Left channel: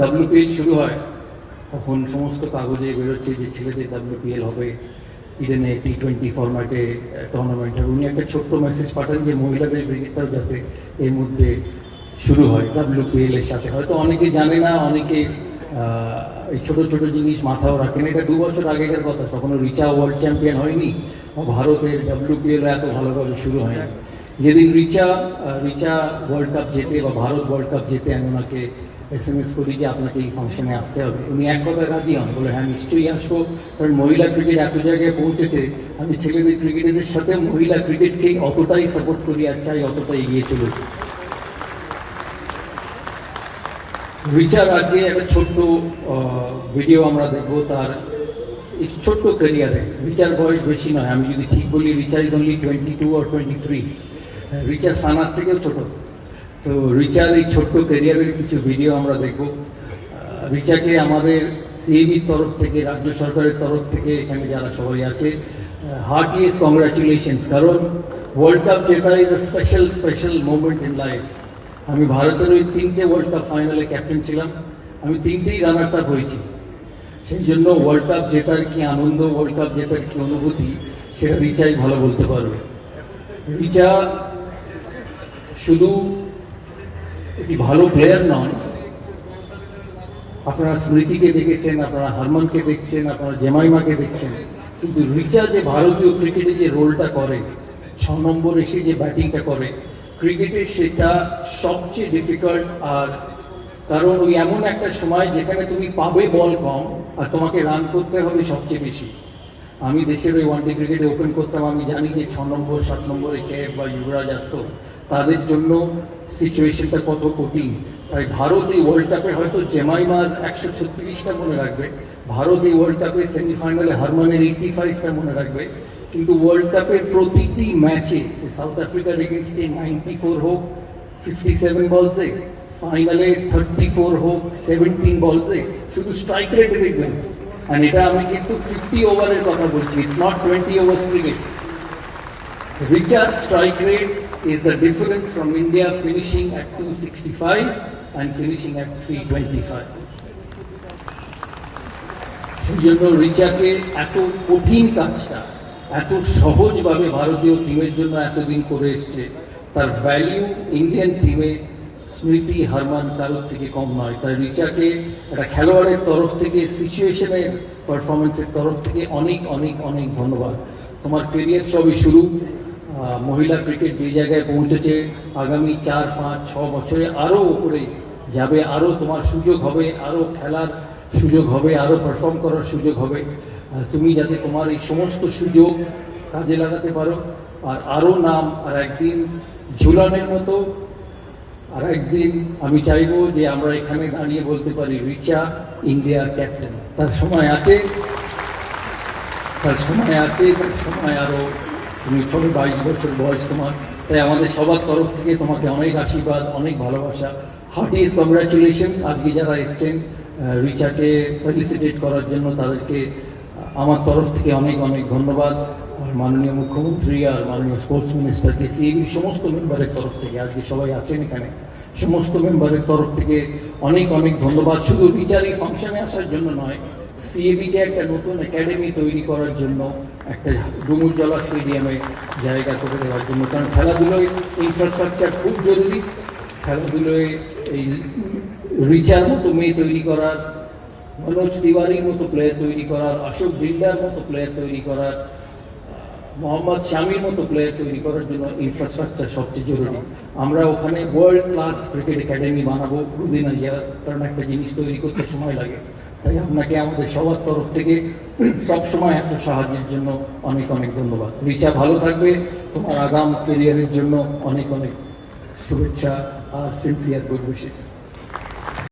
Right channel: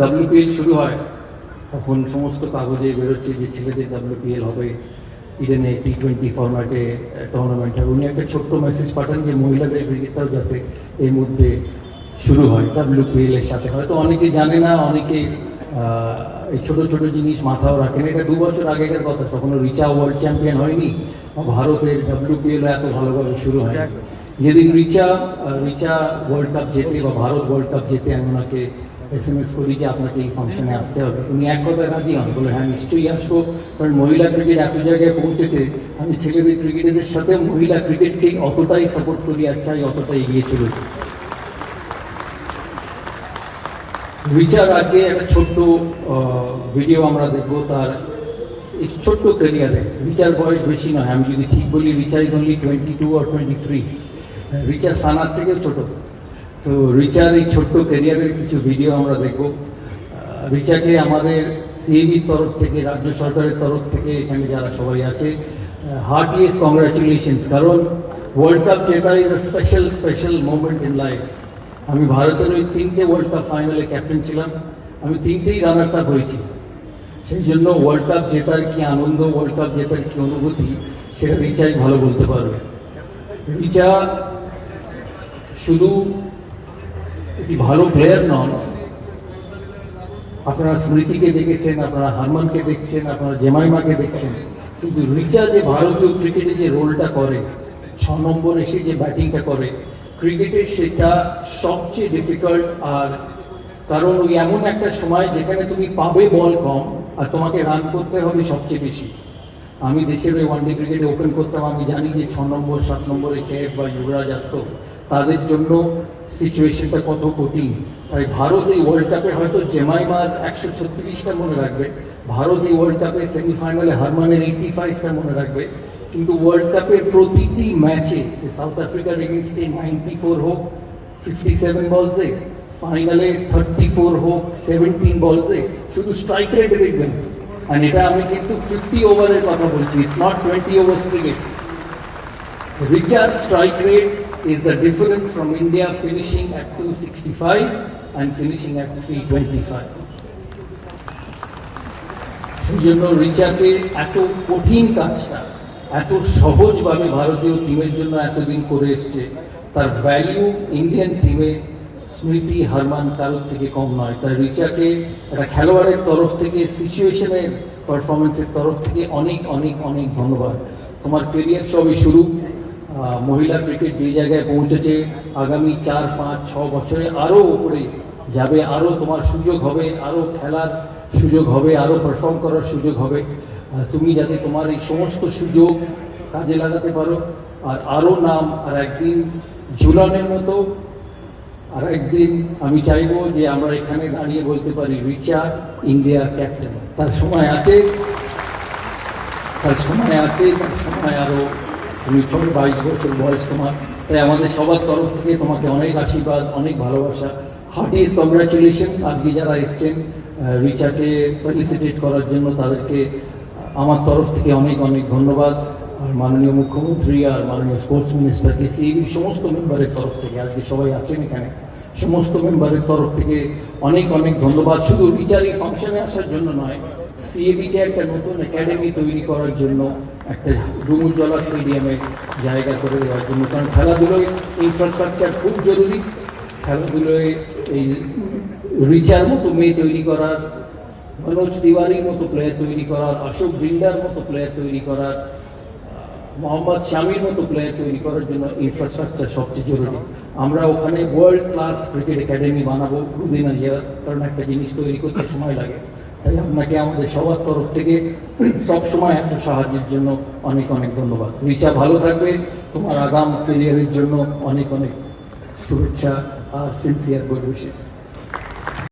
WPL শুরু হয়, তখন সমস্ত কাগজে বেরোচ্ছে যে ছেলেদের ডাব্লিউপিএল হবে। ইডেনে টি টোয়েন্টি ফরম্যাটে টুর্নামেন্ট উনি একটা ছোট্ট মেসেজ পাঠান যে মহিলাদের ক্রিকেটটাও যাতে এর মধ্যে শুরু হয় ডাব্লিউপিএল এর সাথে। হয়তো অনেকে জানে না, অনেকে এই ছোট ছোট জিনিস মাথাও রাখেন। এটা দু বছর আগেকার কথা তখন রিচা ওয়ার্ল্ড চ্যাম্পিয়ন হয়নি। ভারতের ডাব্লিউপিএল এত ভালোভাবে শুরু হয় যেদিন রিচা রিচা ওয়ার্ল্ড কাপ জেতে বা ভারত ওয়ার্ল্ড কাপ জেতে আমি ওনাকে এস এম এস করি যে আপনাকে এই ফাংশনে আসতে হবে। উনি এক কথা রাজি হন বলে হ্যাঁ নিশ্চয়ই আসব। কারণ মহিলা ক্রিকেট এত জায়গায় পৌঁছেছে, আমি ছেলেদের ক্রিকেটারদের সাথে মহিলা ক্রিকেটকে অতটাই সাপোর্ট করি আর চাই অতটাই এগিয়ে চলেছে রিচার আজকে একটা ছোট্ট ভিডিও আমরা দেখব তার ছোট্ট ক্যারিয়ারে রিচার বয়স বেশি নয়, আমি যদি ঠিক বলি Richard is only twenty two R twenty three Richard সানার থেকেও ছোট। তো রিচার এই ছোট্ট ক্যারিয়ারের কিছু ভিডিও আমরা দেখব। রিচাকে আমাদের সিএবির তরফ থেকে, রাজ্য সরকারের তরফ থেকে এখানে যারা সবাই আছে হার্টিয়েস্ট কংগ্রাচুলেশনস কারণ ওয়ার্ল্ড কাপ জেতা is a special special moment in life আমি ভারতের ওই তিনটে ওয়ার্ল্ড কাপ ফাইনালে ক্যাপ্টেন ছিলাম। আমি তিনটেই রানার্স আপ হয়েছি। সেই জন্য ওয়ার্ল্ড কাপ জেতার কি আনন্দ ওয়ার্ল্ড কাপ জেতার কি অনুভূতি, সেটা রিচাই ভালো বলতে পারবে। রিচা শুধু একটি ভালো প্লেয়ার নন। আপনারা স্মৃতিকে দেখেছেন, আপনারা হারমানকে দেখছেন, আপনারা জেমাইমাকে দেখছেন। কিন্তু রিচা যে ভারতীয় ক্রিকেটে যে রোলটা করে, ছ নম্বর এসে যে ব্যাটিংটা করে, ক্রিকেটে সেটা সবচেয়ে ডিফিকাল্ট আর কারণ ওই এমন একটা সময় যেখানে তুমি পাবে বল কম আর তোমাকে রান করতে হবে সবচেয়ে বেশি। আমি দেশের ওই ওয়ানডে ক্রিকেটে ওপেন করতাম, আমি জানি যে ছ নম্বর, সাত নম্বরে ক্যাপ বা যুবরাজ আসতো। তাদের জন্য সিচুয়েশনটা কত কঠিন? তাই ভারত এই ওয়ার্ল্ড কাপে হয়তো জেমাইমার একশো ছত্রিশটা মনে রাখবে। ভারত এই ওয়ার্ল্ড কাপে সেমিফাইনালে হারমানের এইটি ফাইভটা মনে রাখবে। কিন্তু ওয়ার্ল্ড কাপের প্রতিটি ম্যাচে সাউথ আফ্রিকার এগেনস্টে নাইনটি ফোর হোক ফিফটি সেভেন বলসে ফাইনালে থার্টি ফোর হোক সেভেন্টিন বলসে শুধু স্ট্রাইক রেটে দেখবেন। এটা আমি কিন্তু ফিফটি ওভারের কথা বলছি it's not twenty overs cricket Richard's strike rate is the difference from India finishing at 265 and finishing at 325. সেই জন্য রিচাকে এত কঠিন কাজটা, এত সহজভাবে ভারতীয় টিমের জন্য এতদিন করে এসছে, তার ভ্যালিউ ইন্ডিয়ান টিমে স্মৃতি হারমান কারোর থেকে কম নয়। তাই রিচাকে একটা খেলোয়াড়ের তরফ থেকে সিচুয়েশনের পারফরমেন্সের তরফ থেকে অনেক অনেক অনেক ধন্যবাদ। তোমার কেরিয়ার সবে শুরু। মহিলা ক্রিকেট যে জায়গায় পৌঁছেছে। আগামী চার, পাঁচ, ছ বছরে আরও উপরে যাবে, আরও তোমার সুযোগ হবে, আরও খেলার সুযোগ হবে, আরও পারফর্ম করার সুযোগ হবে। তুমি যাতে তোমার এই সমস্ত সুযোগ কাজে লাগাতে পারো। আর আরও নাম, আর একদিন ঝুলানের মতো, আর একদিন আমি চাইব যে আমরা এখানে দাঁড়িয়ে বলতে পারি, রিচা ইন্ডিয়া ক্যাপ্টেন তার সময় আছে, তার সময় আছে, তার সময় আরও তুমি ছোট বাইশ বছর বয়স তোমার। তাই আমাদের সবার তরফ থেকে তোমাকে অনেক আশীর্বাদ, অনেক ভালোবাসা। হার্টিয়েস্ট কংগ্রাচুলেশন আজকে যারা এসছেন রিচাকে ফেলিসিটেট করার জন্য তাদেরকে আমার তরফ থেকে অনেক অনেক ধন্যবাদ। আর মাননীয় মুখ্যমন্ত্রী আর মাননীয় স্পোর্টস মিনিস্টারকে সিএবি সমস্ত মেম্বারের তরফ থেকে আজকে সবাই আছেন এখানে। সমস্ত মেম্বারের তরফ থেকে অনেক অনেক ধন্যবাদ। শুধু রিচার ফাংশনে আসার জন্য নয় সিএবিকে একটা নতুন একাডেমি তৈরি করার জন্য একটা ডুমুরজলা স্টেডিয়ামে জায়গা করে দেওয়ার জন্য। কারণ খেলাধুলোয় ইনফ্রাস্ট্রাকচার খুব জরুরি। খেলাধুলোয় এই রিচার মতো মেয়ে তৈরি করার, মনোজ তিওয়ারির মতো প্লেয়ার তৈরি করার, অশোক মতো প্লেয়ার তৈরি করার মোহাম্মদ শামির মতো প্লেয়ার তৈরি করার জন্য ইনফ্রাস্ট্রাকচার সবচেয়ে জরুরি। আমরা ওখানে ওয়ার্ল্ড ক্লাস ক্রিকেট একাডেমি বানাবো। কোনদিন ইয়ে কারণ একটা জিনিস তৈরি করতে সময় লাগে। তাই আপনাকে আমাদের সবার তরফ থেকে সবসময় এত সাহায্যের জন্য অনেক অনেক ধন্যবাদ। রিচা ভালো থাকবে, তোমার আগাম ক্যারিয়ারের জন্য অনেক অনেক শুভেচ্ছা আর সিনসিয়ার গুড উইশেস